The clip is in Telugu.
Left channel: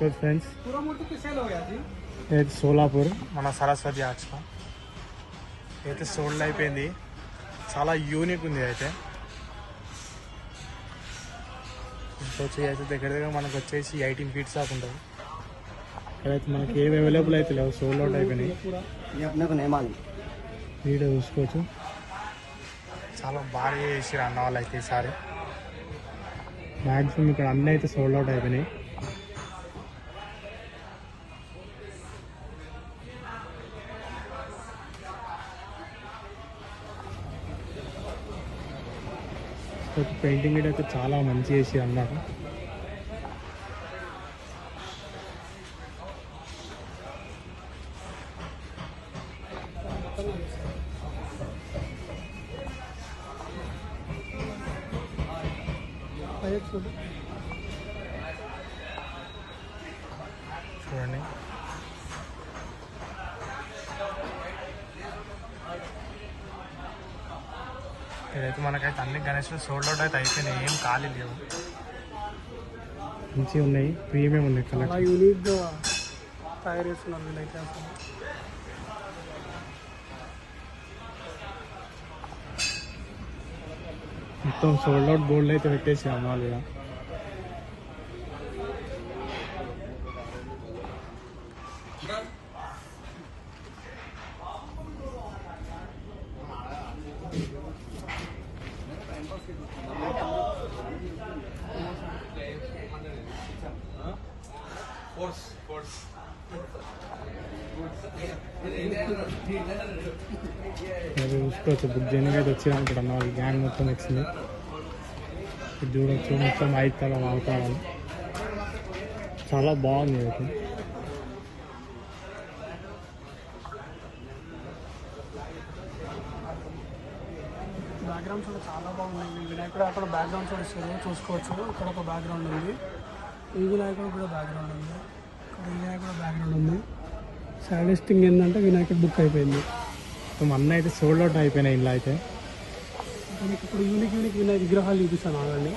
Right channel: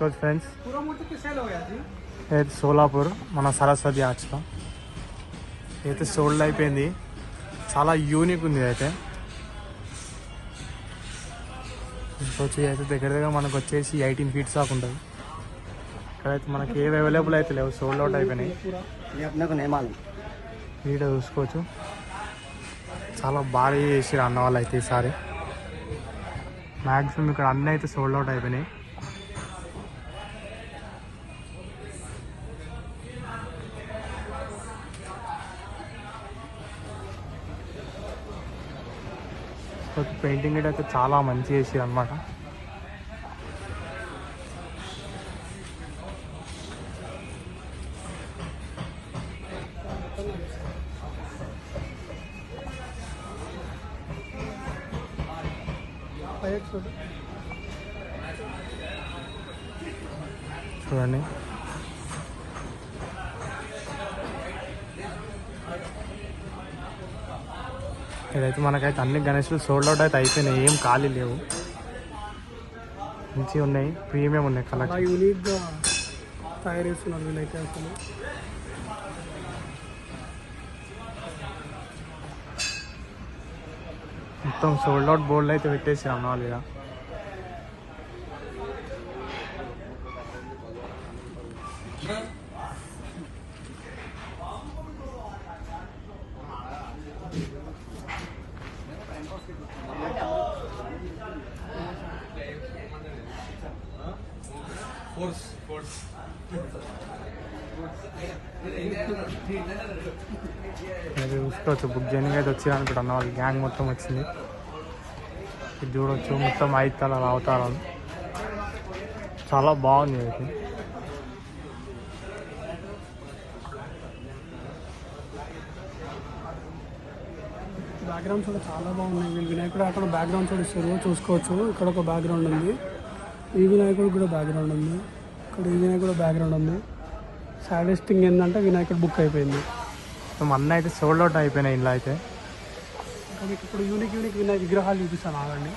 तो फ्रेंड्स సోలాపూర్ మన సరస్వతి ఆర్ట్స్లో అయితే సోల్డ్ అయిపోయింది. చాలా యూనిక్ ఉంది. అయితే దగ్గరగా మనకు వచ్చేసి 18 feet దాకా ఉంటుంది. ఇక్కడైతే మనకి ఏవి అవైలబుల్ అయితే లేవు, సోల్డ్ అవుట్ అయిపోయినాయి. వీడియో చూసుకోవచ్చు. చాలా బాగా చేసారు అన్న వాళ్ళు అయితే ఈసారి. మ్యాక్సిమం ఇక్కడ అన్నీ అయితే సోల్డ్ అవుట్ అయిపోయినాయి. పెయింటింగ్ అయితే చాలా మంచి చేసి అన్నమాట. చూడండి, ఇదైతే మనకైతే అన్ని గణేష్లు సోల్డ్ అవుట్ అయితే అయిపోయినాయి, ఏం ఖాళీ లేవు. మంచిగా ఉన్నాయి, ప్రీమియం ఉన్నాయి. కలర్ యూనిక్గా తయారు చేస్తున్నారు వీళ్ళైతే. అసలు మొత్తం సోల్డ్ అవుట్ బోర్డులు అయితే పెట్టేసి అమ్మాలి. ఇక చూసుకోవచ్చు. బుక్ చేయడానికి అయితే వచ్చారు ఇక్కడ అన్న వాళ్ళు గ్యాంగ్ మొత్తం వచ్చింది. ఇది చూడవచ్చు, మొత్తం 5 తలాలు అవతారాలు. చాలా బాగుంది. అయితే బ్యాక్గ్రౌండ్స్ కూడా చాలా బాగున్నాయి. వీళ్ళు వినాయకుడు అక్కడ బ్యాక్గ్రౌండ్ కూడా ఇస్తారు, చూసుకోవచ్చు. ఇక్కడ ఒక బ్యాక్గ్రౌండ్ ఉంది, ఈ వినాయకుడు కూడా బ్యాక్గ్రౌండ్ ఉంది, ఇక్కడ ఈ వినాయకుడు బ్యాక్గ్రౌండ్ ఉంది. సాడెస్ట్ థింగ్ ఏంటంటే వినాయకుడు బుక్ అయిపోయింది. అన్న అయితే సోల్డ్ అవుట్ అయిపోయినాయి. ఇలా అయితే ఇంకా మీకు ఇప్పుడు యూనిక్ వినాయక విగ్రహాలు చూపిస్తాను ఆగండి.